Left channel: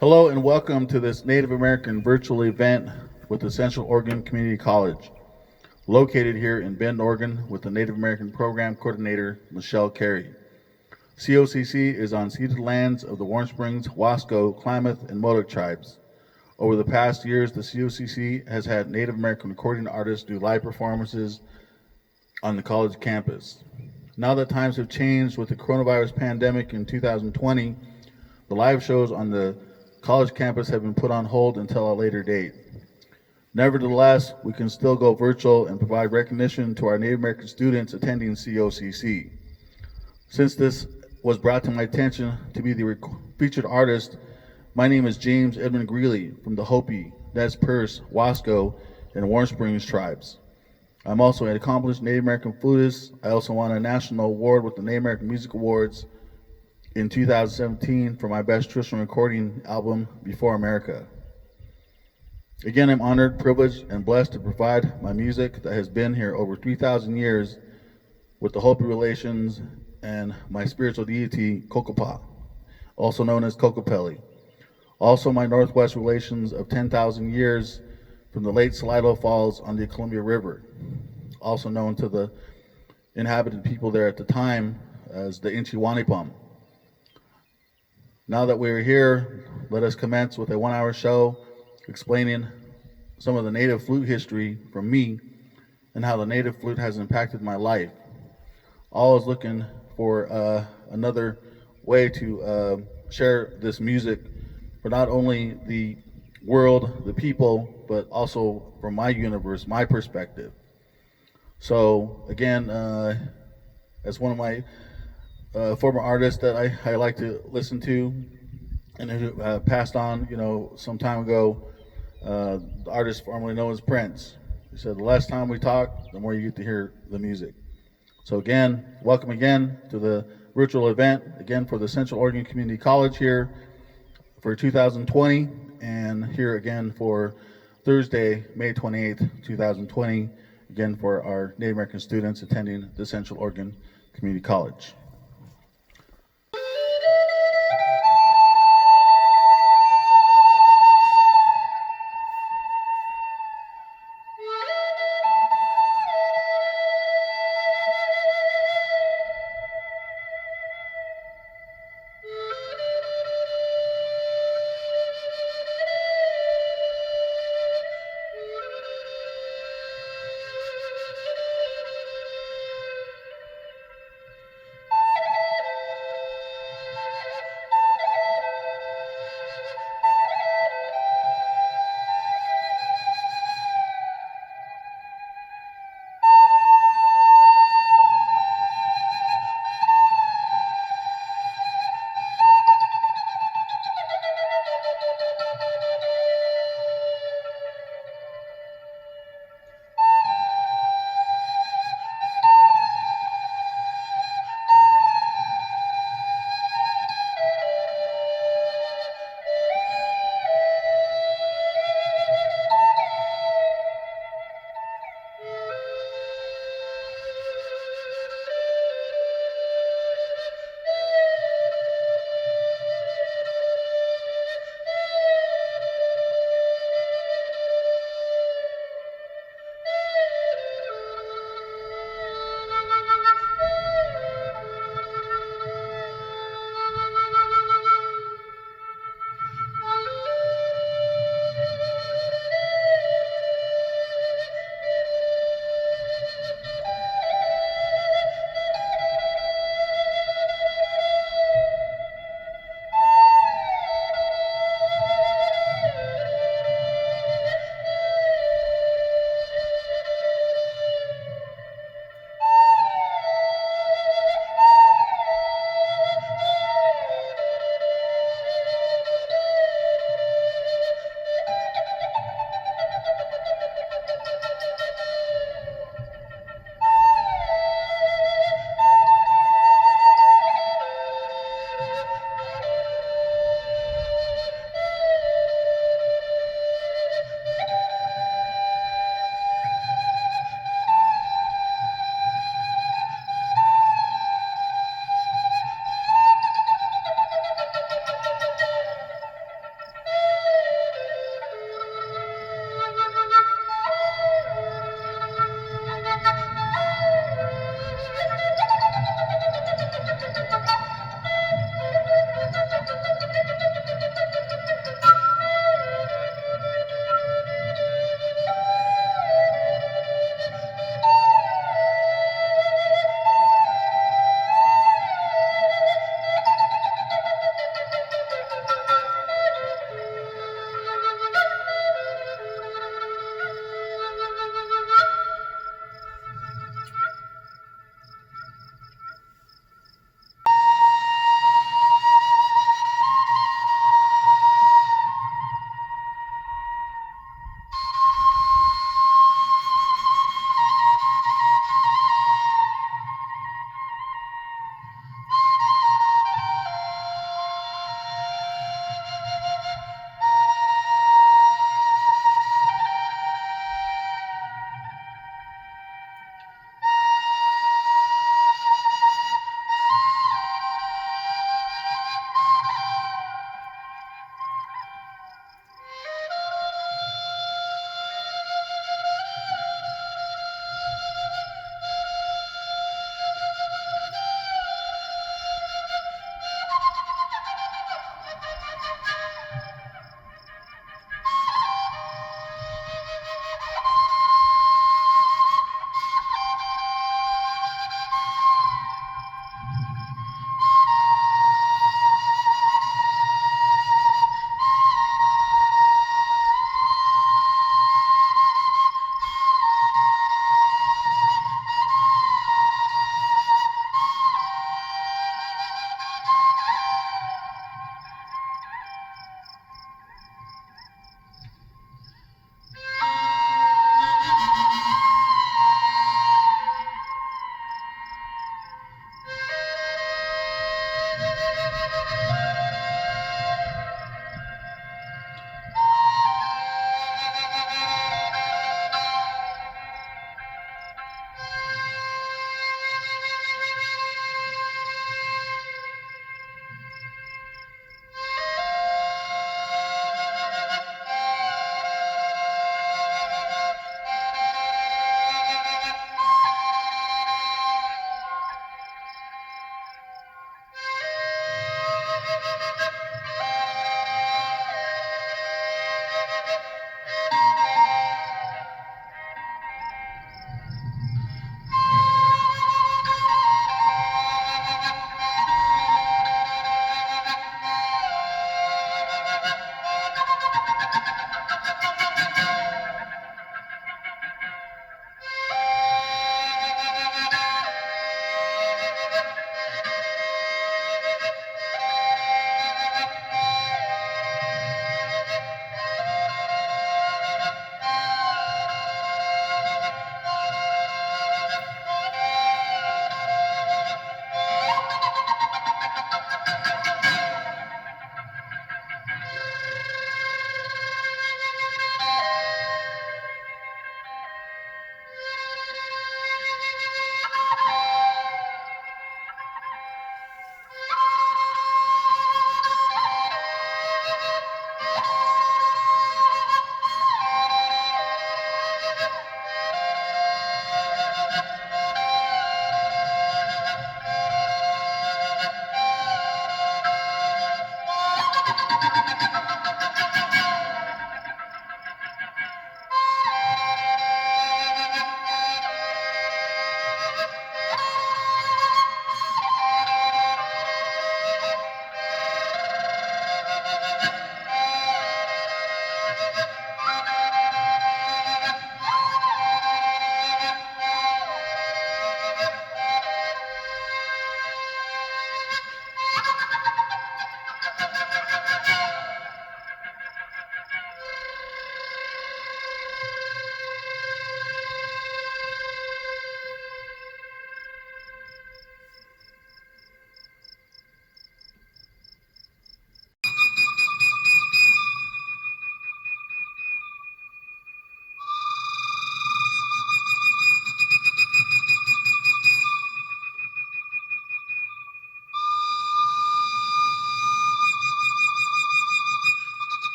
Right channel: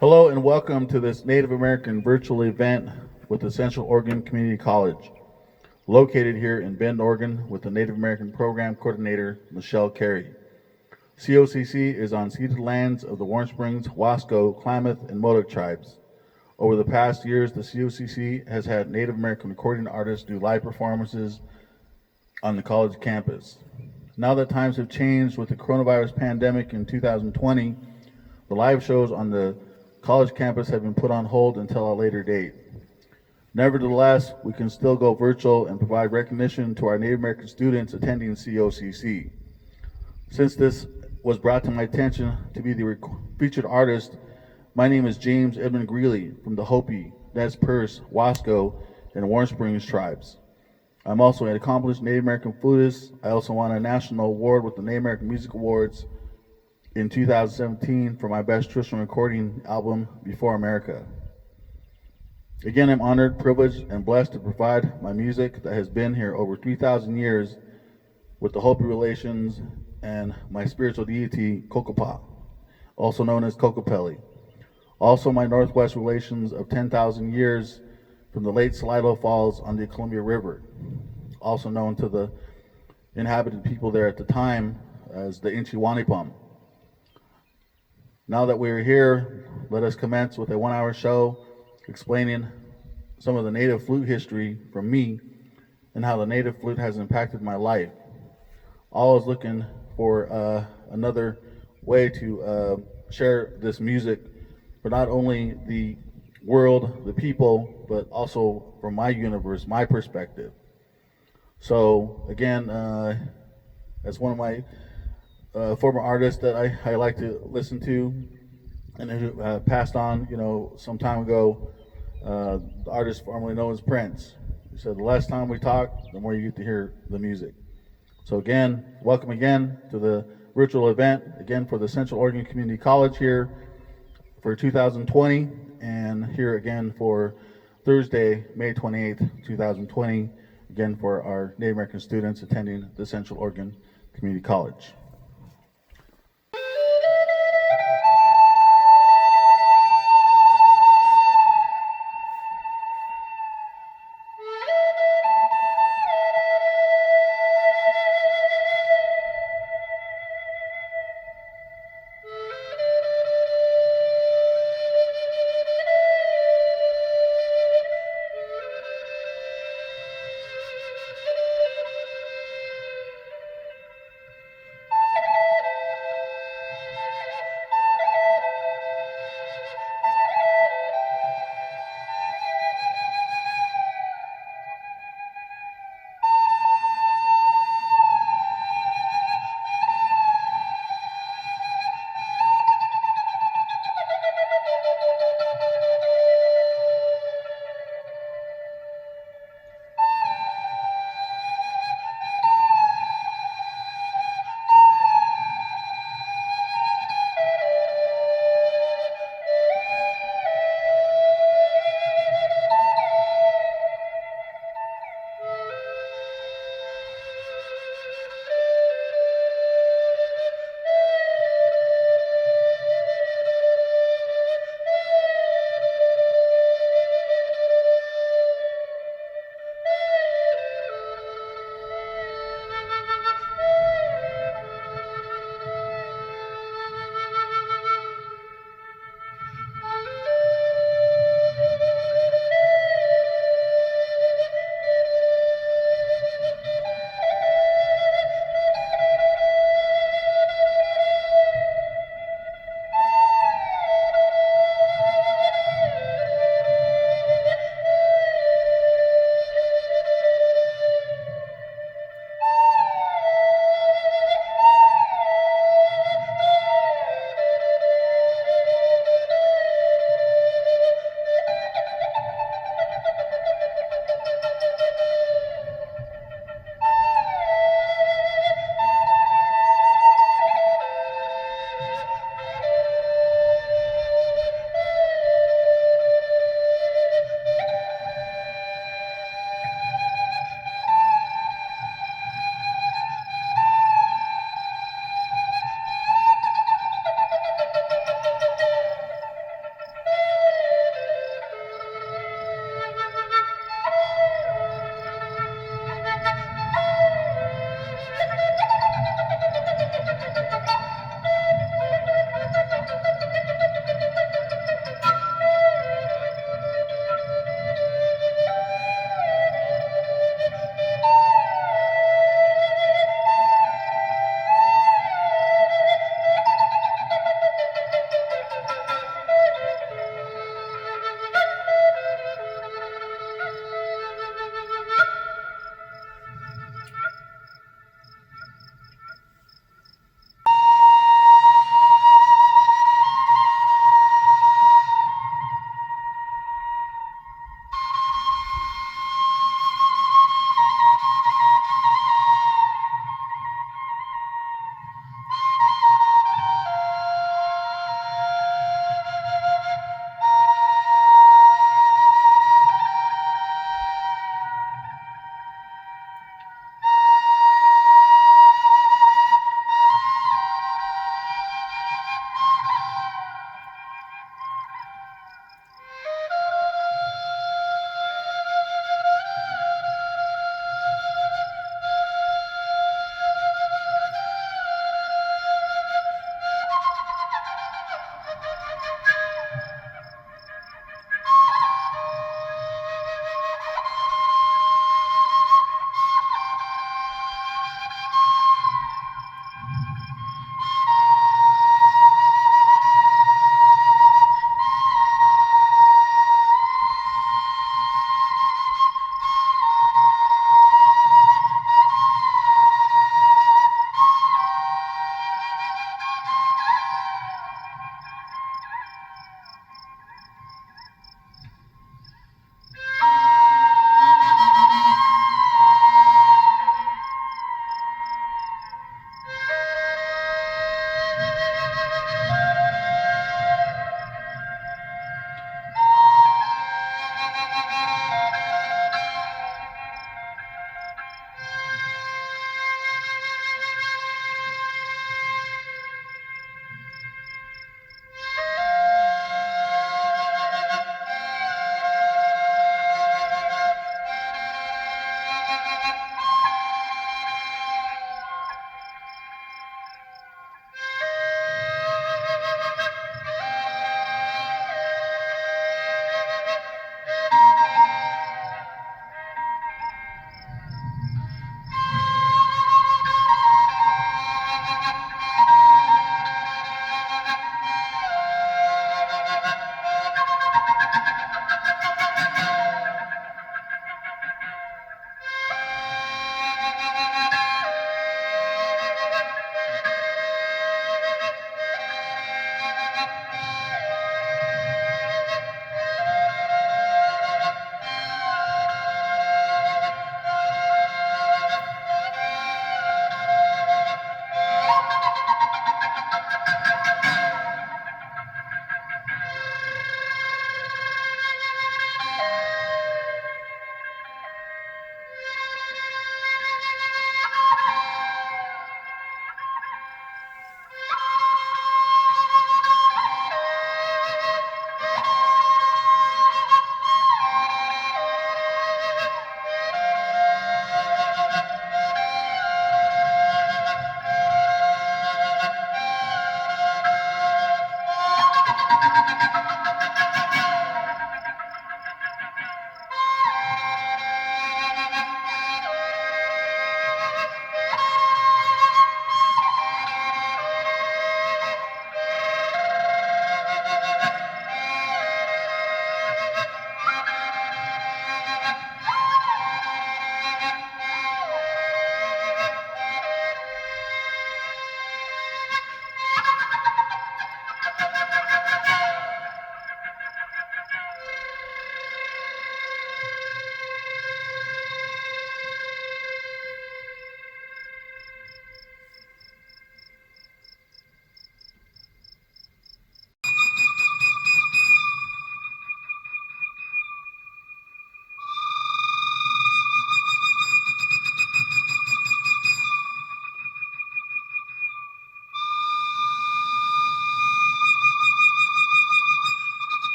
Hello and welcome to this Native American virtual event with the Central Oregon Community College, located here in Bend, Oregon, with the Native American Program Coordinator, Michelle Carey. COCC is on ceded lands of the Warm Springs, Wasco, Klamath, and Modoc tribes. Over the past years, the COCC has had Native American recording artists do live performances on the college campus. Now that times have changed with the coronavirus pandemic in 2020, the live shows on the college campus have been put on hold until a later date. Nevertheless, we can still go virtual and provide recognition to our Native American students attending COCC. Since this was brought to my attention to be the featured artist, my name is James Edmund Greeley from the Hopi, Nez Perce, Wasco, and Warm Springs tribes. I'm also an accomplished Native American flutist. I also won a national award with the Native American Music Awards in 2017 for my best traditional recording album, Before America. Again, I'm honored, privileged, and blessed to provide my music that has been here over 3,000 years with the Hopi relations and my spiritual deity, Kokopah, also known as Kokopelli. Also, my Northwest relations of 10,000 years from the late Salado Falls on the Columbia River, also known to the inhabited people there at the time as the Inchiwanipum. Now that we're here, let us commence with a 1 hour show explaining some of the native flute history from me and how the native flute has impacted my life. Always looking for another way to share this music for not only the world, the people, but also from my universe, my perspective. So again, as one of my former artists that I like to listen to, and who passed on, some time ago, the artist formerly known as Prince. He said, the less time we talk, the more you get to hear the music. So again, welcome again to the virtual event, again for the Central Oregon Community College here for 2020, and here again for Thursday, May 28th, 2020, again for our Native American students attending the Central Oregon Community College.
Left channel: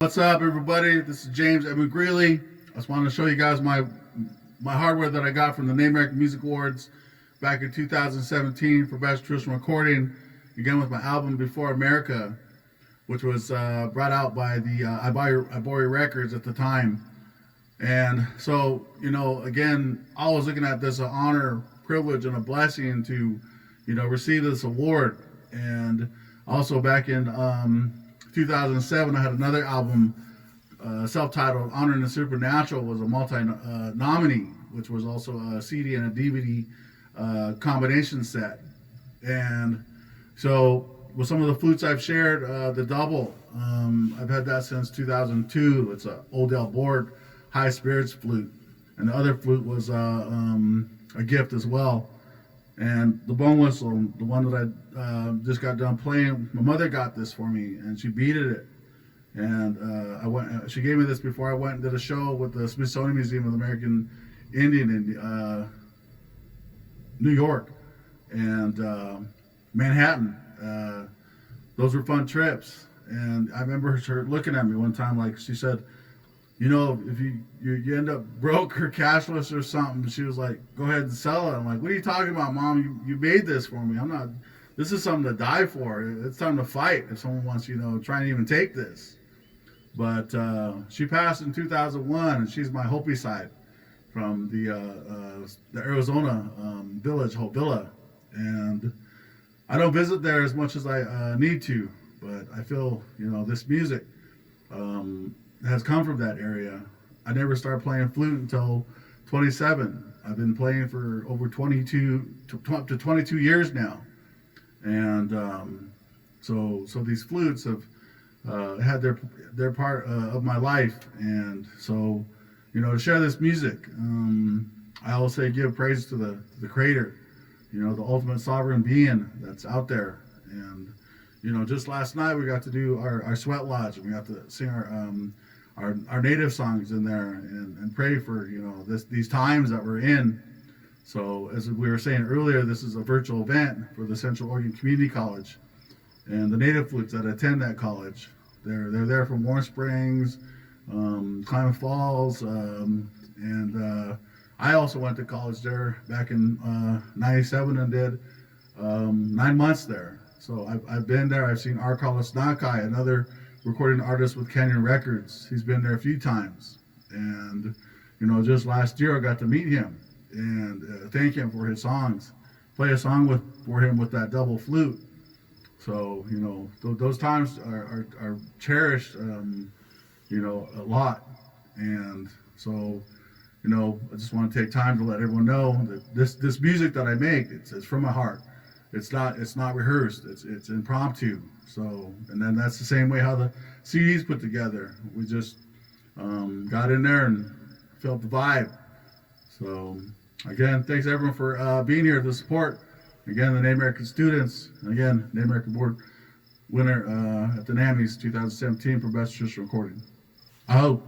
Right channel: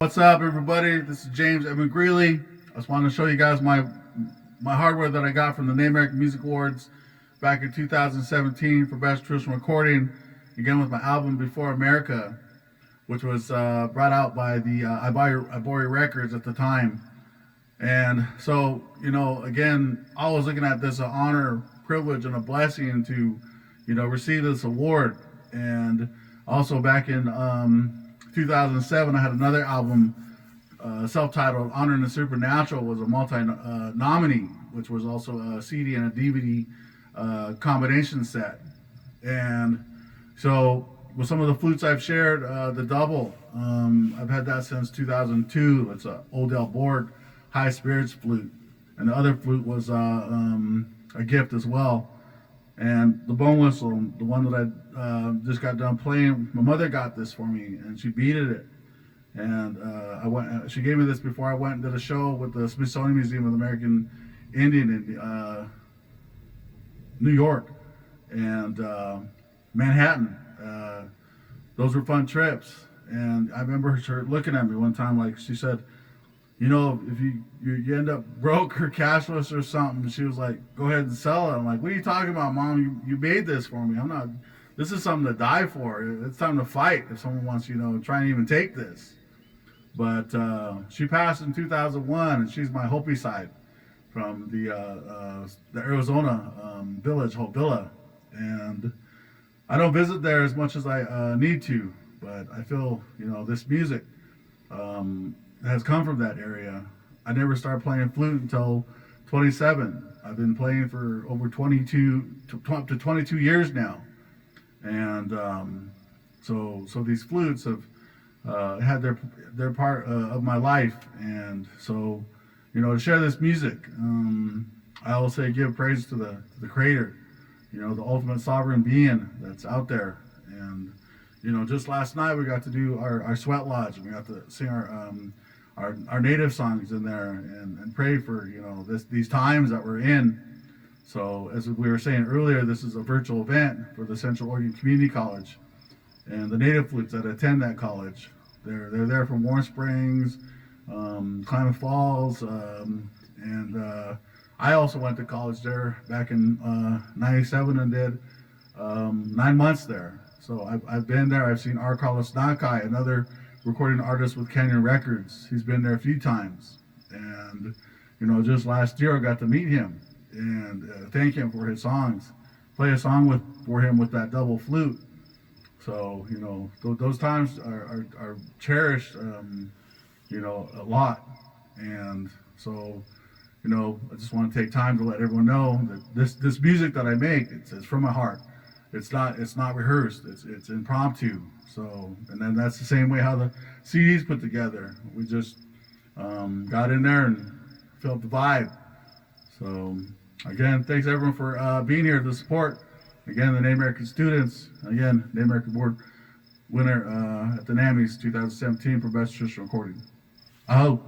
What's up, everybody? This is James Edmund Greeley. I just wanted to show you guys my hardware that I got from the Native American Music Awards back in 2017 for Best Traditional Recording, again with my album Before America, which was brought out by the Ibori Records at the time. And so, again, I was looking at this an honor, privilege, and a blessing to, receive this award. And also back in 2007, I had another album, self-titled Honoring the Supernatural, was a multi-nominee, which was also a CD and a DVD combination set. And so with some of the flutes I've shared, the double, I've had that since 2002. It's a Odell Borg High Spirits flute. And the other flute was a gift as well. And the bone whistle, the one that I just got done playing, my mother got this for me, and she beaded it. And she gave me this before I went and did a show with the Smithsonian Museum of the American Indian in New York and Manhattan. Those were fun trips. And I remember her looking at me one time, like she said, if you end up broke or cashless or something, she was like, go ahead and sell it. I'm like, what are you talking about, Mom? You made this for me. This is something to die for. It's time to fight if someone wants, try and even take this. But she passed in 2001, and she's my Hopi side from the Arizona village, Hobilla. And I don't visit there as much as I need to, but I feel, this music has come from that area. I never started playing flute until 27. I've been playing for over 22 years now. And so these flutes have had their part of my life. And so, to share this music, I always say give praise to the Creator, the ultimate sovereign being that's out there. And, just last night we got to do our sweat lodge, and we got to sing our native songs in there and pray for, these times that we're in. So as we were saying earlier, this is a virtual event for the Central Oregon Community College. And the native flutes that attend that college, they're there from Warm Springs, Klamath Falls, and I also went to college there back in 97 and did 9 months there. So I've been there. I've seen R. Carlos Nakai, another recording artist with Canyon Records. He's been there a few times. And, just last year I got to meet him and thank him for his songs. Play a song for him with that double flute. So, those times are cherished, a lot. And so, I just want to take time to let everyone know that this music that I make, it's from my heart. It's not rehearsed. It's impromptu. So, and then that's the same way how the CD's put together. We just got in there and felt the vibe. So, again, thanks everyone for being here to support. Again, the Native American students. Again, Native American Board winner at the NAMIs 2017 for Best Traditional Recording. I hope.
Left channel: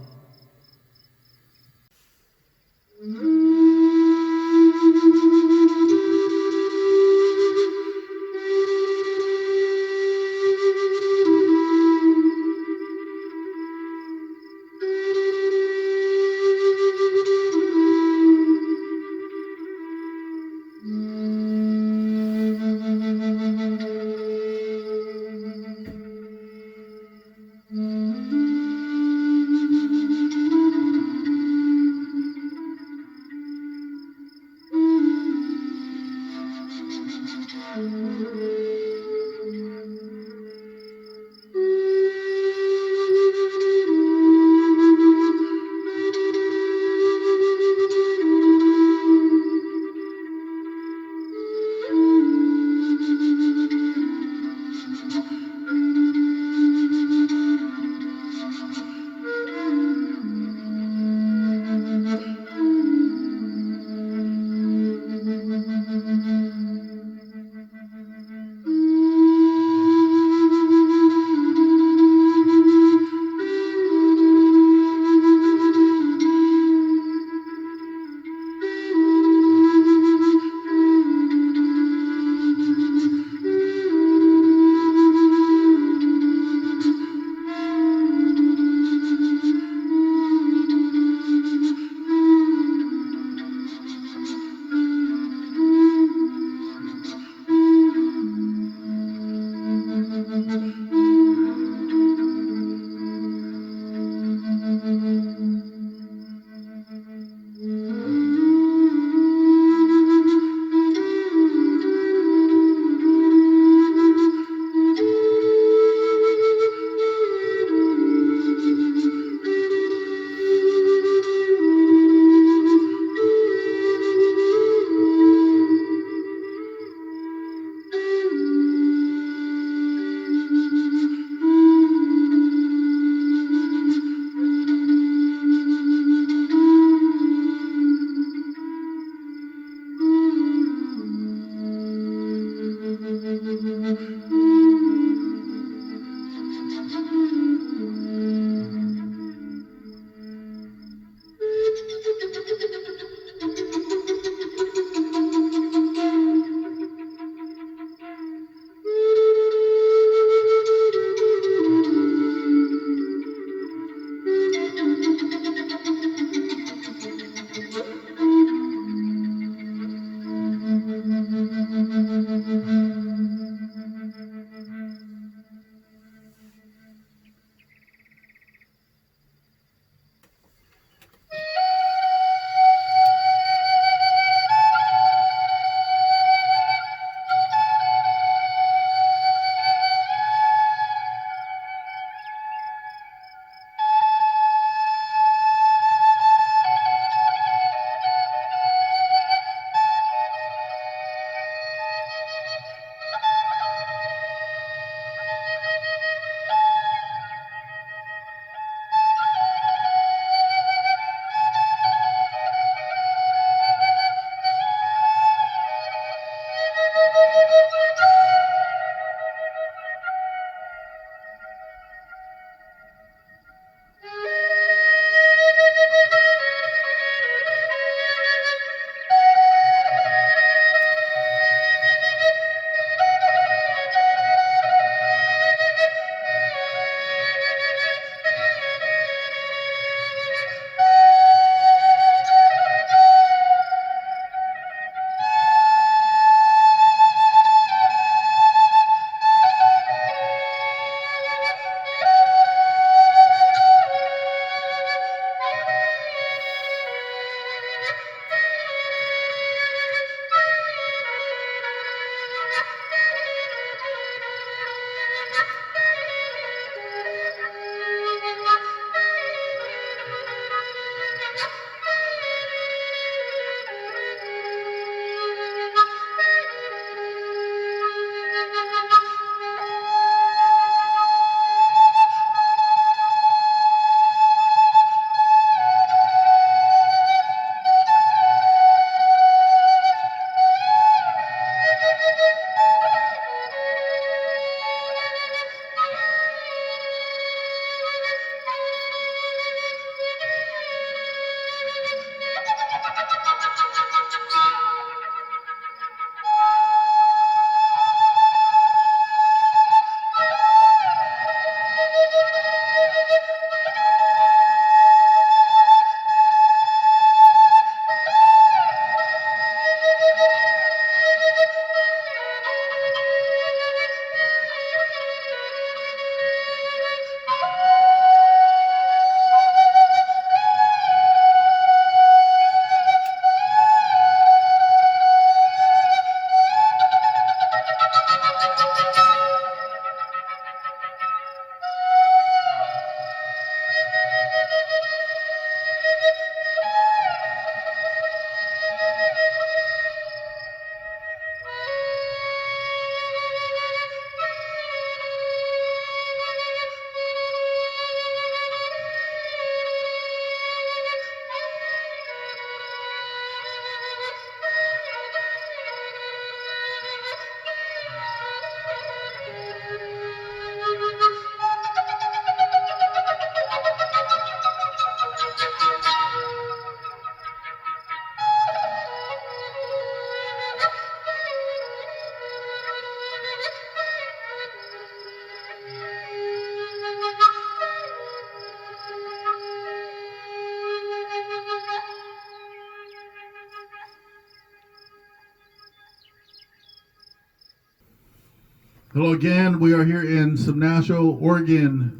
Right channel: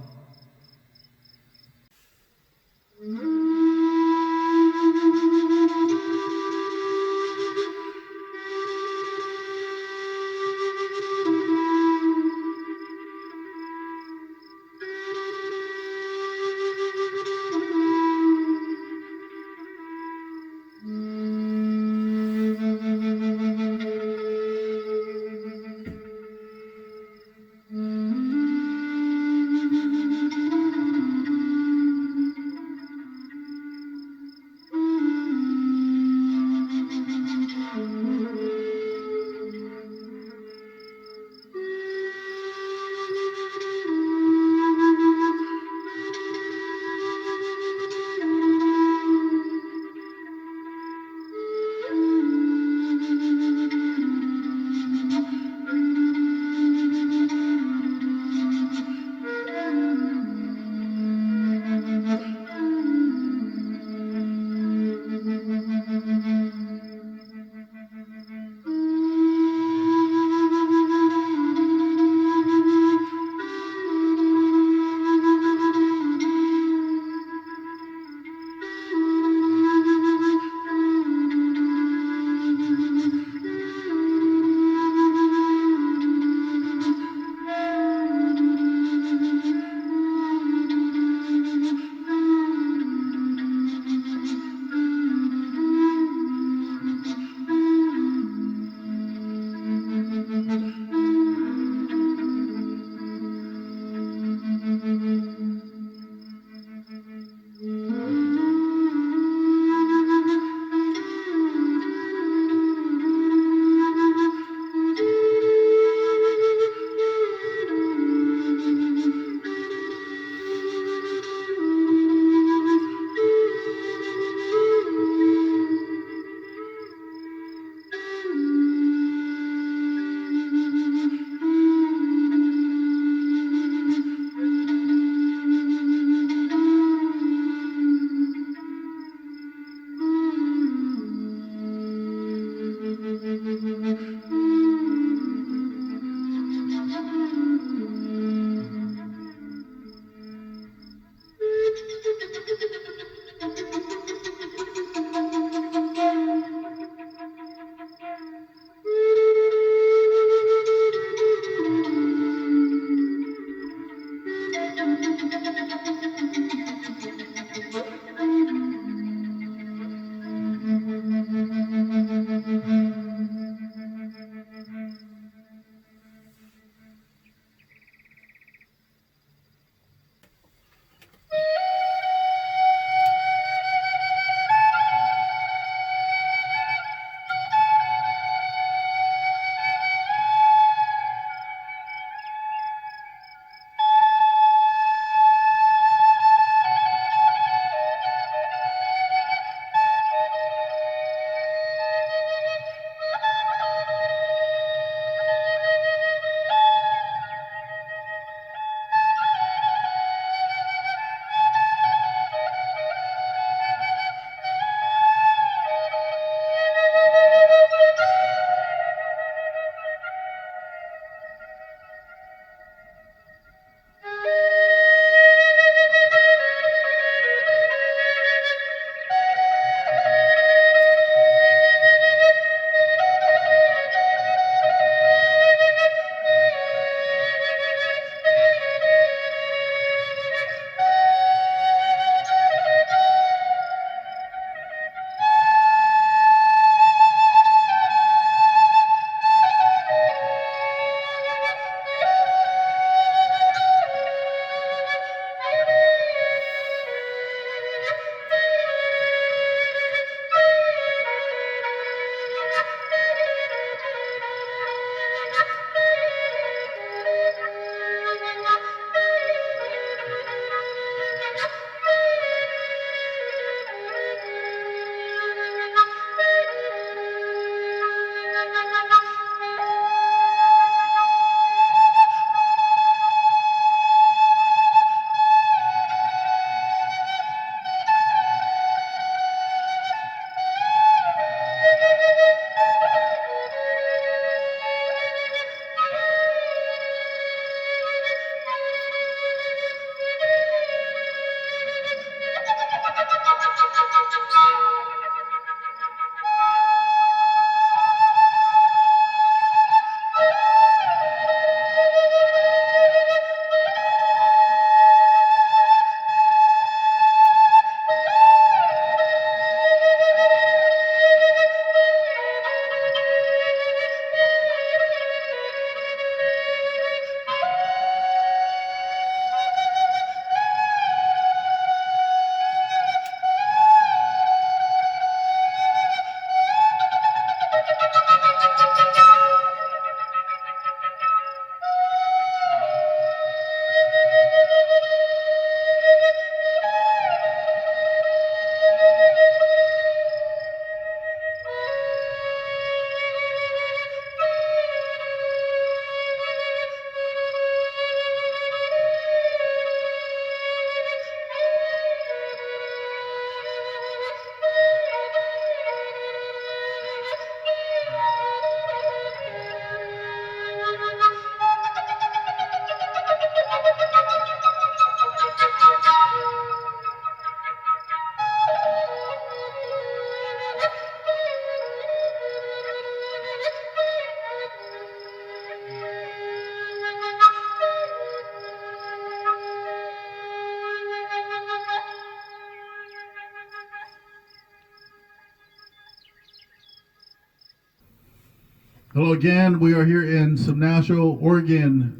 Hello again. We are here in Subnasho, Oregon.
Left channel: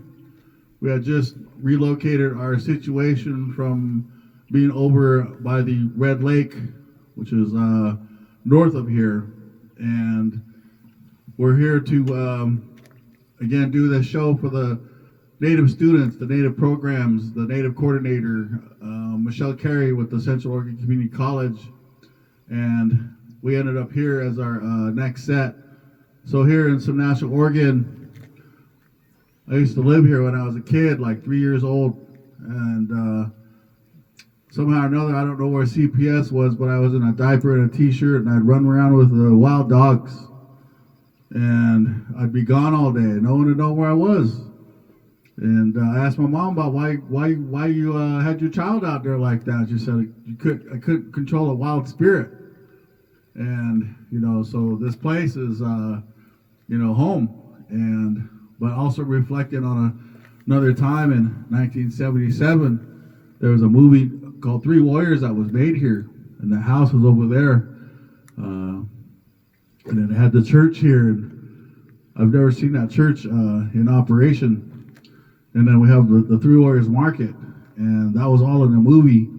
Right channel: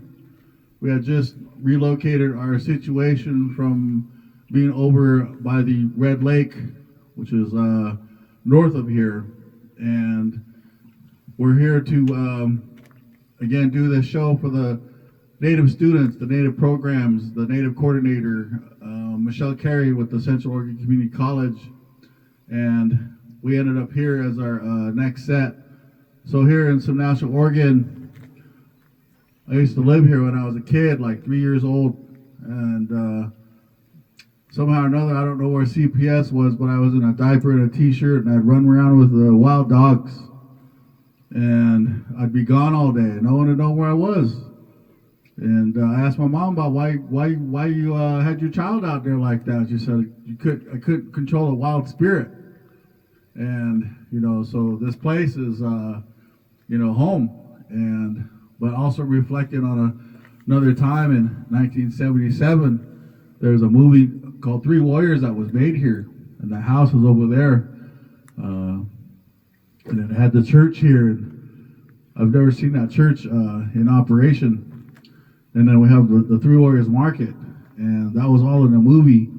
We had just relocated our situation from being over by the Red Lake, which is north of here, and we're here to again do this show for the Native students, the Native programs, the Native coordinator, Michelle Carey with the Central Oregon Community College, and we ended up here as our next set. So here in Subnasho, Oregon, I used to live here when I was a kid, like 3 years old, and somehow or another, I don't know where CPS was, but I was in a diaper and a t-shirt, and I'd run around with the wild dogs, and I'd be gone all day. No one would know where I was. And I asked my mom about why you had your child out there like that. She said I couldn't control a wild spirit, and so this place is home, and but also reflecting on another time in 1977, there was a movie called Three Warriors that was made here, and the house was over there, and it had the church here. And I've never seen that church in operation. And then we have the Three Warriors Market, and that was all in the movie.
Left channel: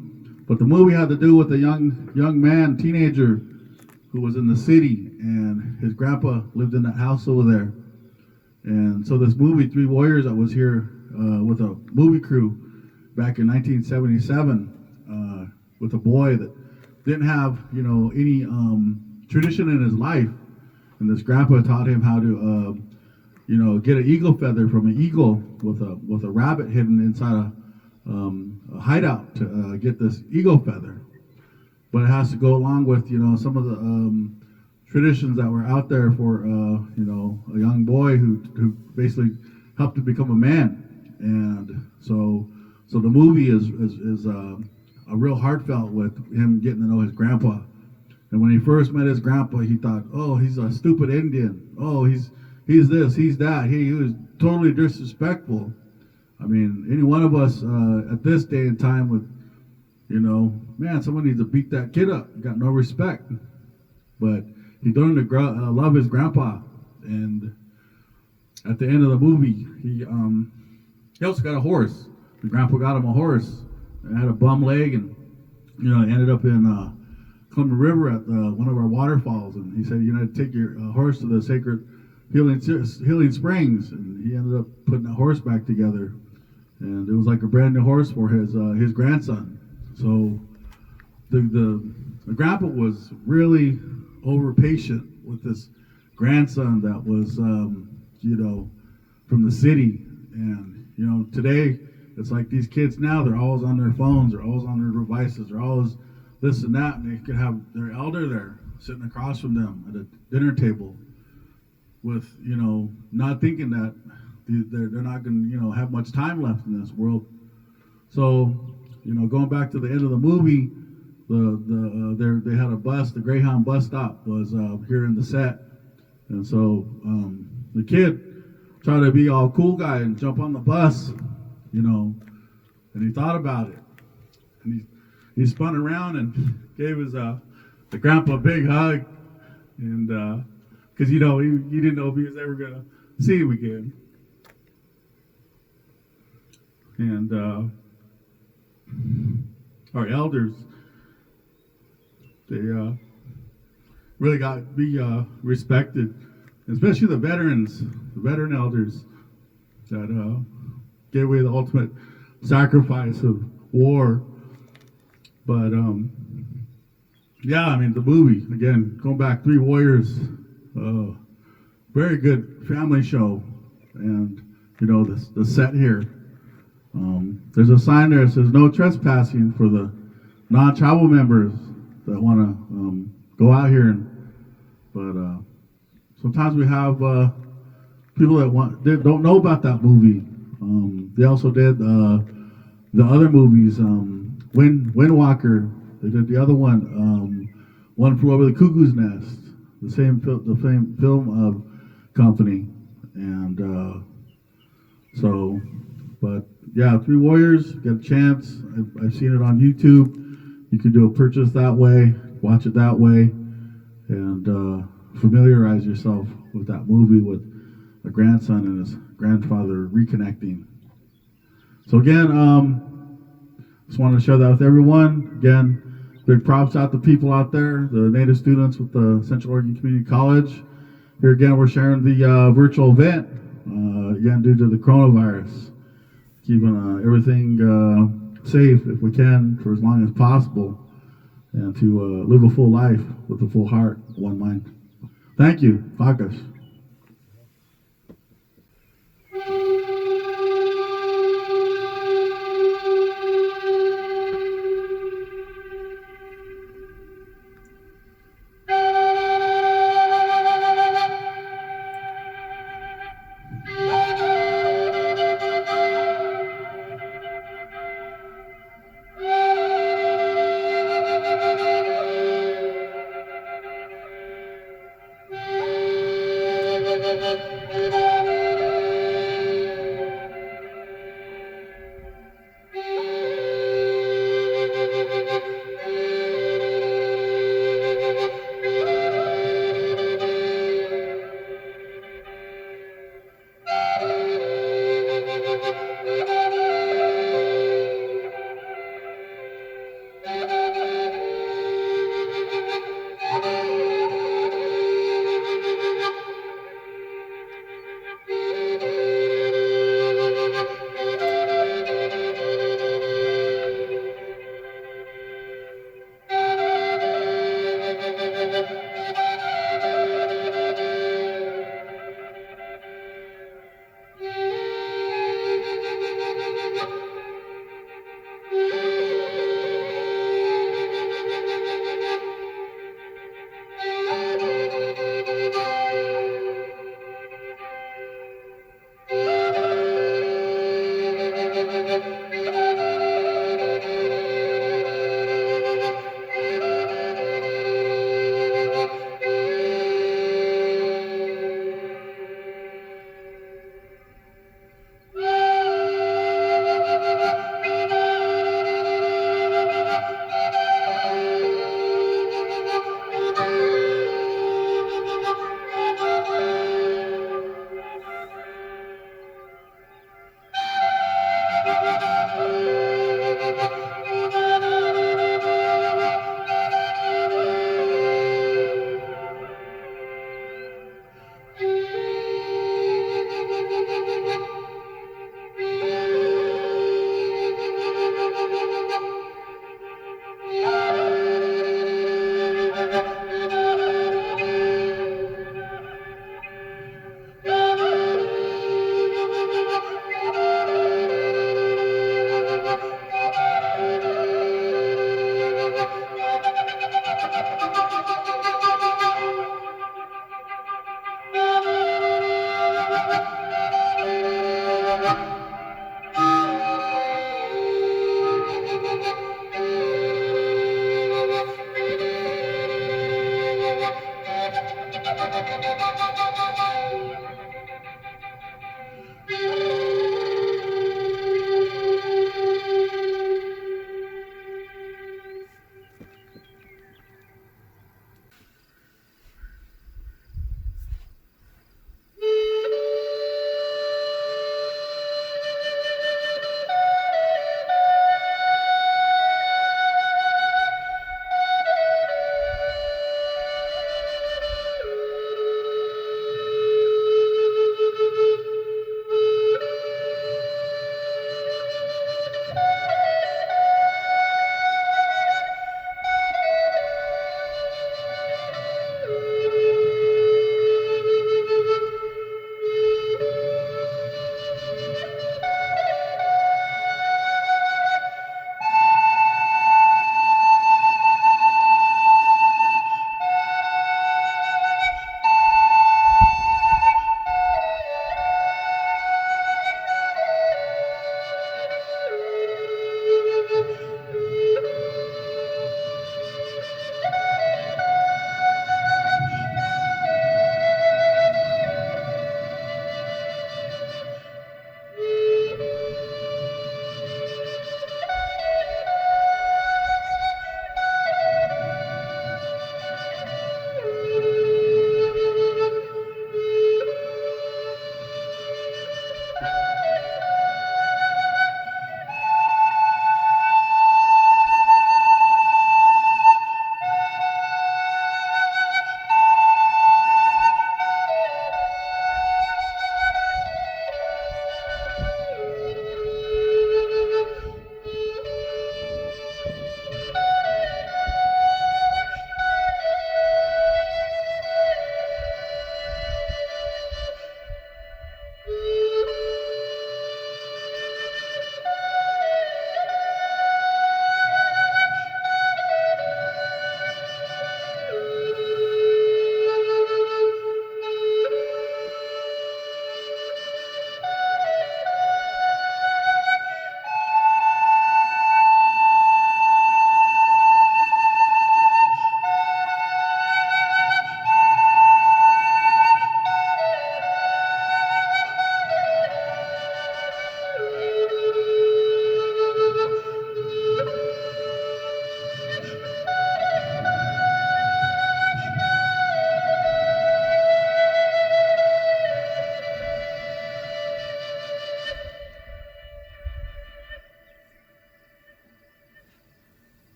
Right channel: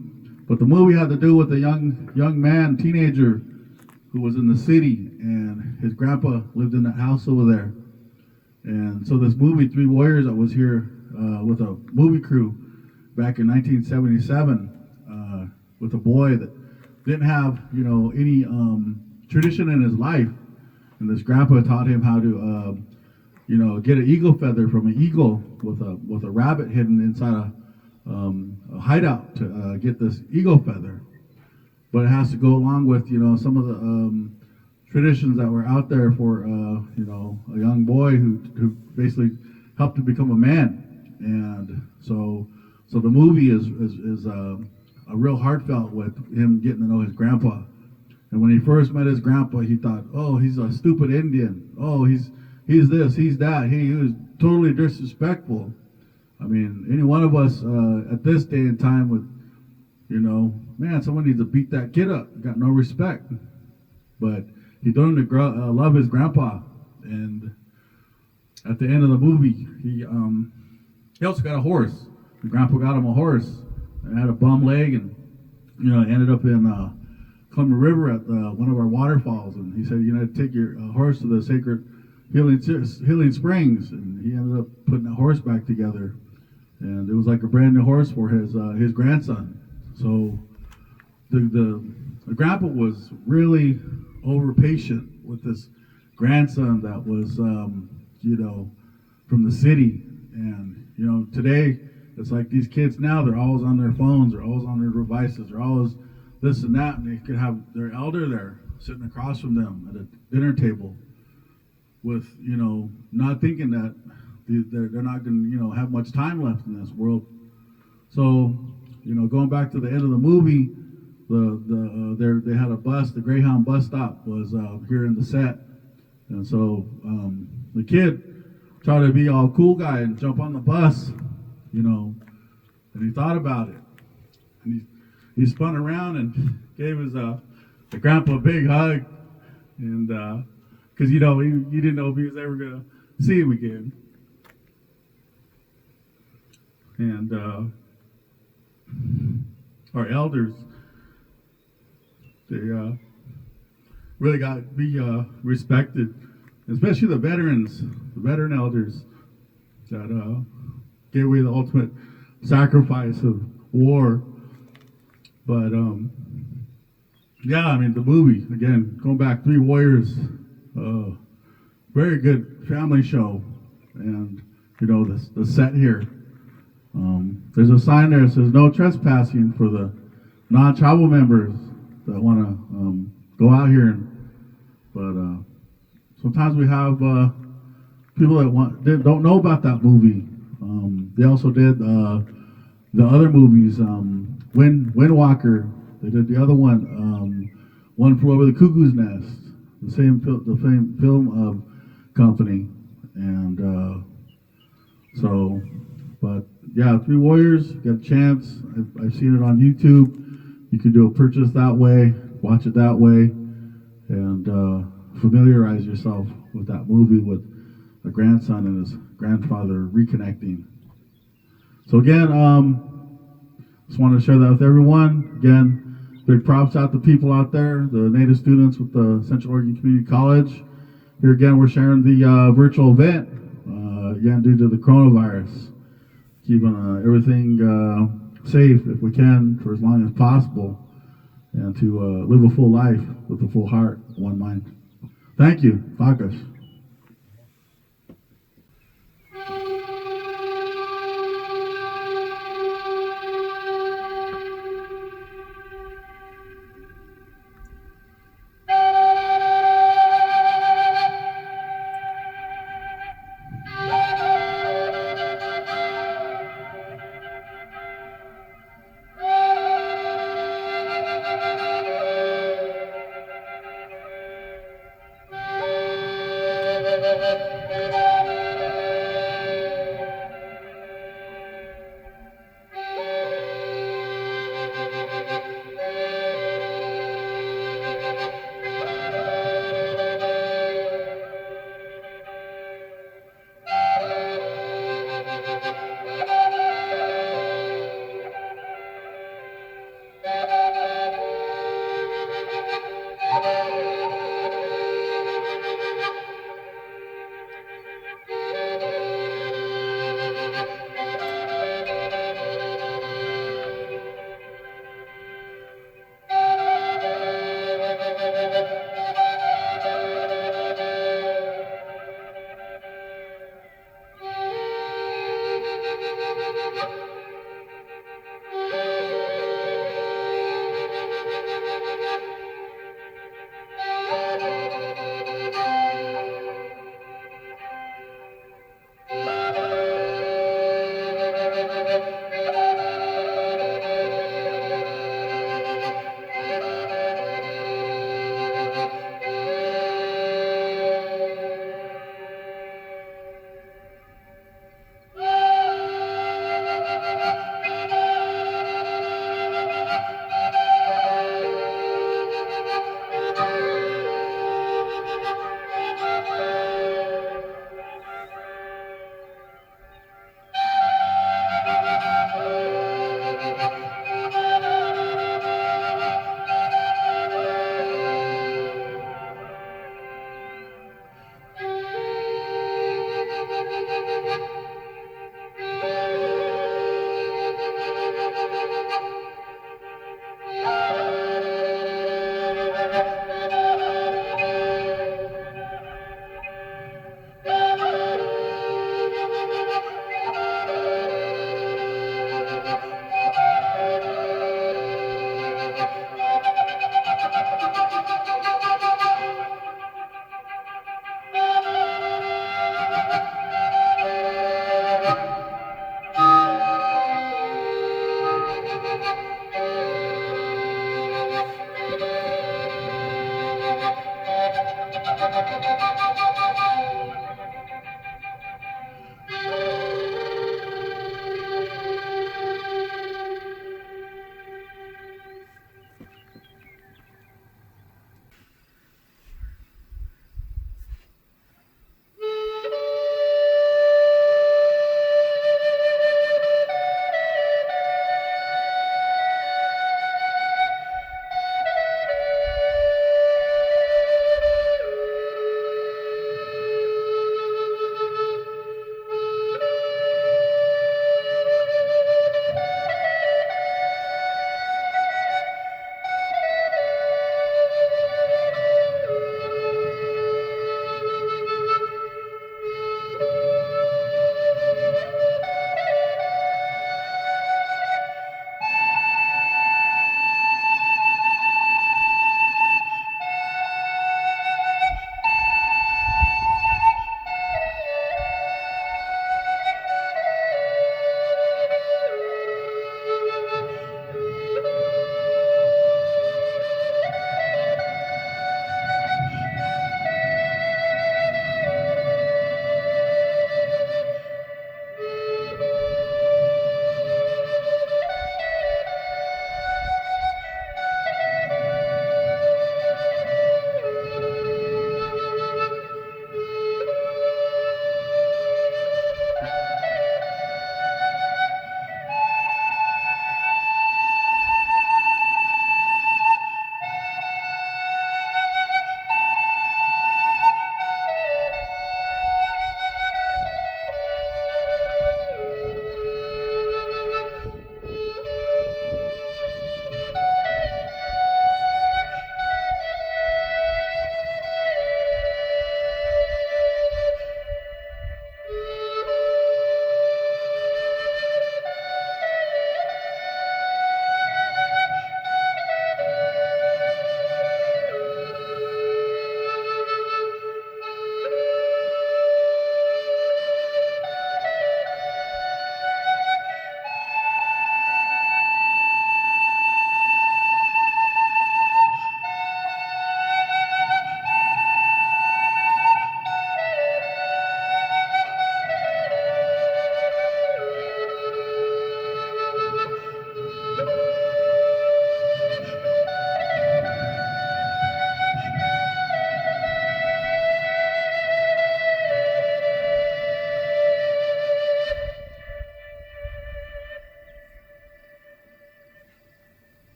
But the movie had to do with a young man, teenager, who was in the city, and his grandpa lived in that house over there. And so this movie, Three Warriors, that was here with a movie crew back in 1977, with a boy that didn't have any tradition in his life, and this grandpa taught him how to get an eagle feather from an eagle with a rabbit hidden inside a hideout to get this eagle feather. But it has to go along with some of the traditions that were out there for a young boy who basically helped to become a man. And so the movie is a real heartfelt with him getting to know his grandpa. And when he first met his grandpa, he thought, oh, he's a stupid Indian. Oh, he's this, he's that. He was totally disrespectful. I mean, any one of us at this day and time would, man, someone needs to beat that kid up. Got no respect. But he learned to love his grandpa. And at the end of the movie, he also got a horse. The grandpa got him a horse. And had a bum leg, and it ended up in Columbia River at one of our waterfalls. And he said, take your horse to the sacred Healing Springs, and he ended up putting that horse back together, and it was like a brand new horse for his grandson. So the grandpa was really over patient with this grandson that was from the city. And today it's like these kids now, they're always on their phones, they're always on their devices, they're always this and that, and they could have their elder there sitting across from them at a dinner table with not thinking that they're not going to have much time left in this world. So going back to the end of the movie, they had a bus. The Greyhound bus stop was here in the set, and so the kid tried to be all cool guy and jump on the bus, and he thought about it, and he spun around and gave his the grandpa a big hug, and because he didn't know if he was ever gonna see him again. And our elders, they really got to be respected, especially the veterans, the veteran elders that gave away the ultimate sacrifice of war. But the movie, again, going back, Three Warriors, very good family show. And the set here, there's a sign there that says no trespassing for the non-tribal members that want to go out here. But sometimes we have people that don't know about that movie. They also did the other movies, Windwalker. They did the other one, One Flew Over the Cuckoo's Nest. The same film company. And but yeah, Three Warriors, get a chance. I've seen it on YouTube. You can do a purchase that way, watch it that way, and familiarize yourself with that movie with a grandson and his grandfather reconnecting. So again, just wanted to share that with everyone. Again, big props out to people out there, the Native students with the Central Oregon Community College. Here again, we're sharing the virtual event, again, due to the coronavirus. Keeping everything safe if we can for as long as possible, and to live a full life with a full heart, one mind. Thank you. Focus.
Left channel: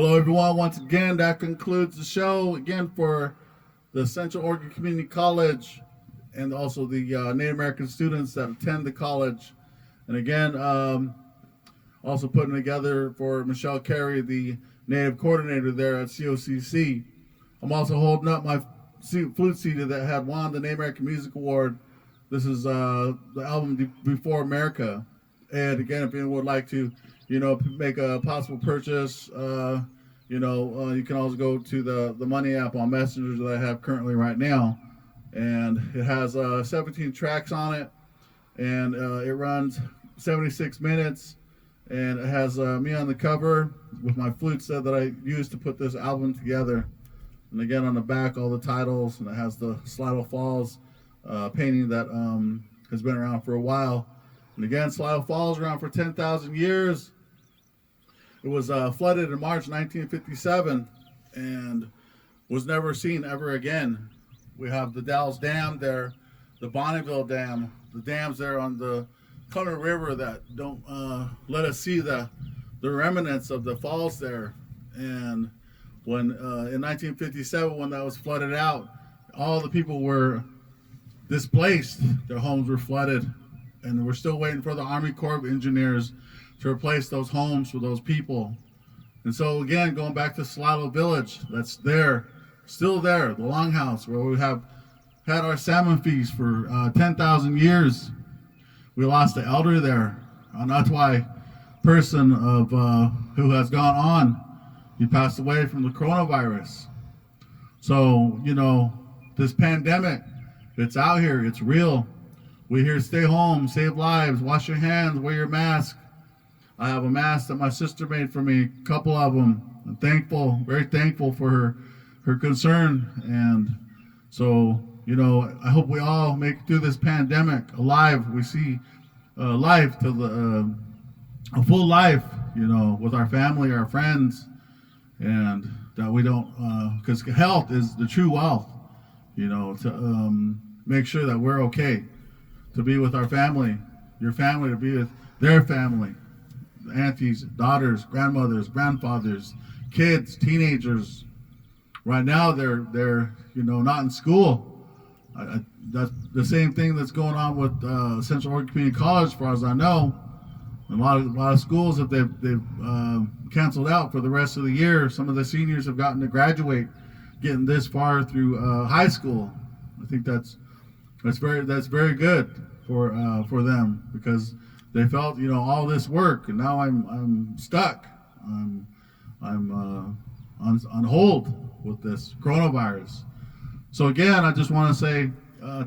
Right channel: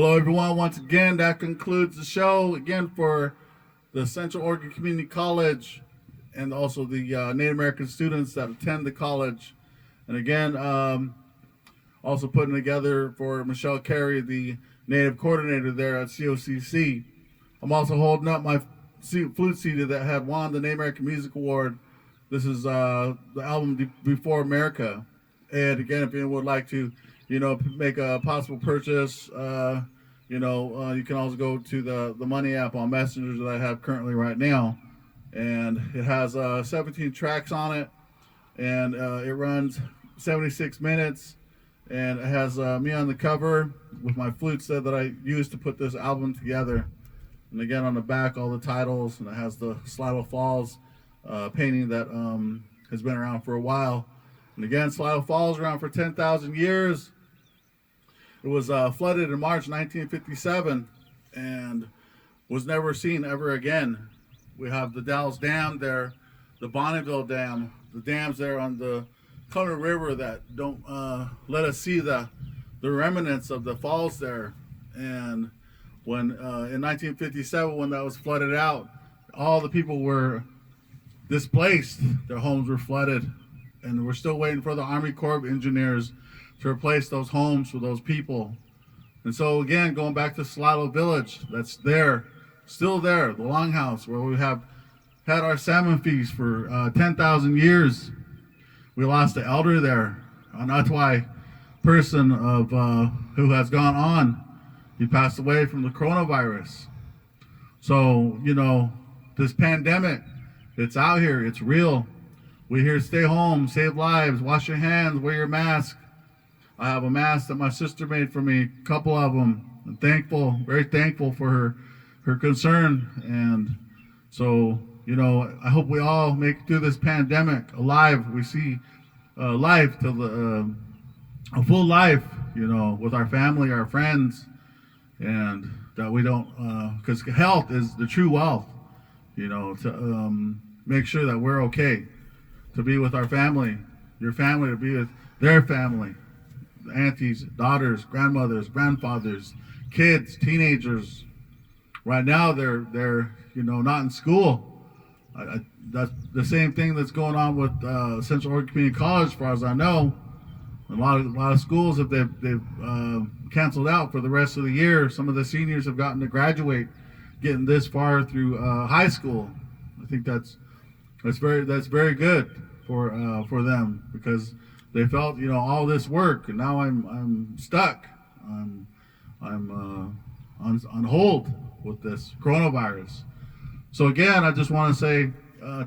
Hello, everyone. Once again, that concludes the show again for the Central Oregon Community College and also the Native American students that attend the college. And again, also putting together for Michelle Carey, the Native coordinator there at COCC. I'm also holding up my flute CD that had won the Native American Music Award. This is the album Before America. And again, if anyone would like to, make a possible purchase, you can also go to the Money app on Messenger that I have currently right now. And it has 17 tracks on it, and it runs 76 minutes. And it has me on the cover with my flute set that I used to put this album together. And again, on the back, all the titles, and it has the Slido Falls painting that has been around for a while. And again, Slido Falls around for 10,000 years. It was flooded in March 1957 and was never seen ever again. We have the Dalles Dam there, the Bonneville Dam, the dams there on the Color River that don't let us see the remnants of the falls there. And when in 1957, when that was flooded out, all the people were displaced. Their homes were flooded, and we're still waiting for the Army Corps of Engineers to replace those homes for those people. And so again, going back to Slido Village, that's there, still there, the Longhouse, where we have had our salmon feast for 10,000 years. We lost the elder there, an Otway person of who has gone on. He passed away from the coronavirus. So, this pandemic, it's out here, it's real. We're here to stay home, save lives, wash your hands, wear your mask. I have a mask that my sister made for me, a couple of them. I'm thankful, very thankful for her concern. And so, I hope we all make it through this pandemic alive. We see life to a full life, with our family, our friends, and that we don't, because health is the true wealth, to make sure that we're okay, to be with our family, your family, to be with their family. Aunties, daughters, grandmothers, grandfathers, kids, teenagers. Right now, they're not in school. That's the same thing that's going on with Central Oregon Community College, as far as I know. A lot of schools they've canceled out for the rest of the year. Some of the seniors have gotten to graduate, getting this far through high school. I think that's very good for them, because they felt all this work, and now I'm stuck. I'm on hold with this coronavirus. So again, I just want to say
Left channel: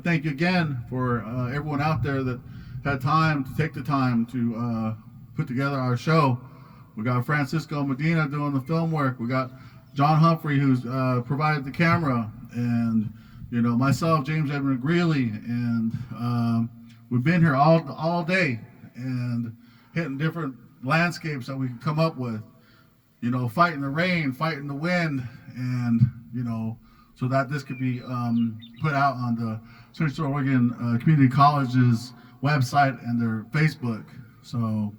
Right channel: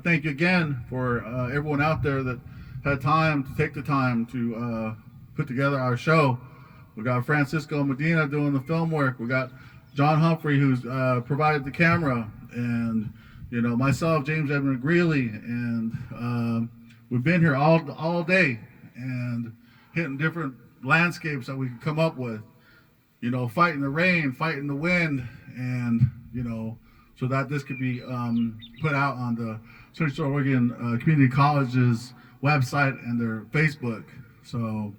thank you again for everyone out there that had time to take the time to put together our show. We got Francisco Medina doing the film work. We got John Humphrey, who's provided the camera, and myself, James Edmund Greeley, and we've been here all day and hitting different landscapes that we can come up with, fighting the rain, fighting the wind, and so that this could be put out on the Central Oregon Community College's website and their Facebook. So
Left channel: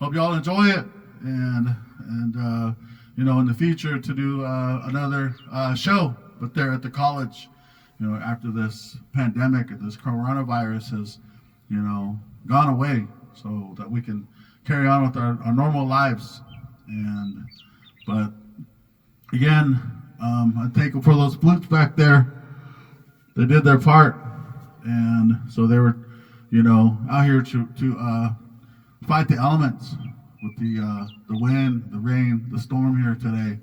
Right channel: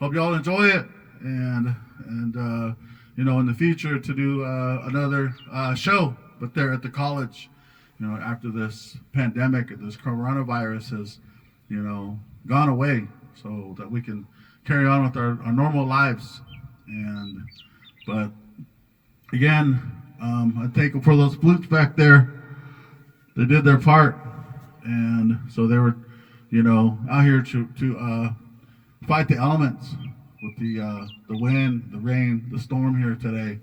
hope you all enjoy it, and in the future to do another show, but there at the college, after this pandemic and this coronavirus has gone away, so that we can carry on with our normal lives. But again, I thank them for those flutes back there. They did their part, and so they were out here to fight the elements with the wind, the rain, the storm here today.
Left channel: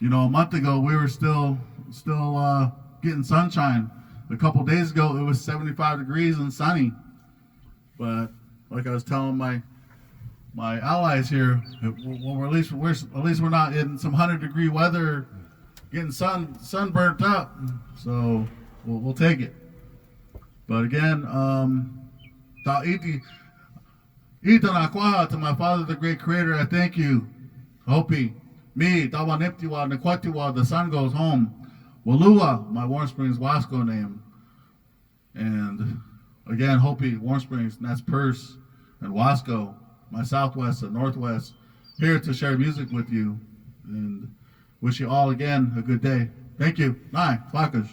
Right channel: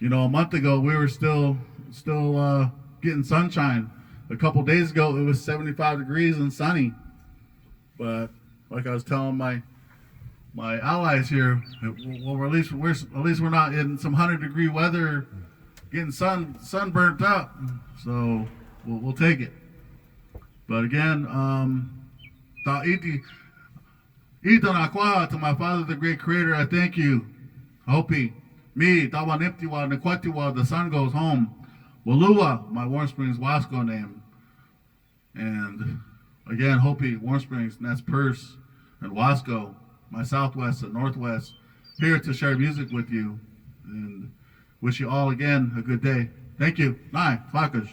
A month ago we were still getting sunshine. A couple days ago it was 75 degrees and sunny. But like I was telling my allies here, well, at least we're not in some 100-degree weather, getting sunburnt up. So we'll take it. But again, to my Father, the great Creator, I thank you. Hopi, me, Tawaniptiwa, Nekwatiwa, the sun goes home. Walua, my Warm Springs Wasco name. And again, Hopi, Warm Springs, and that's Perce, and Wasco, my Southwest and Northwest, here to share music with you. and wish you all again a good day. Thank you. Nine, Flakers.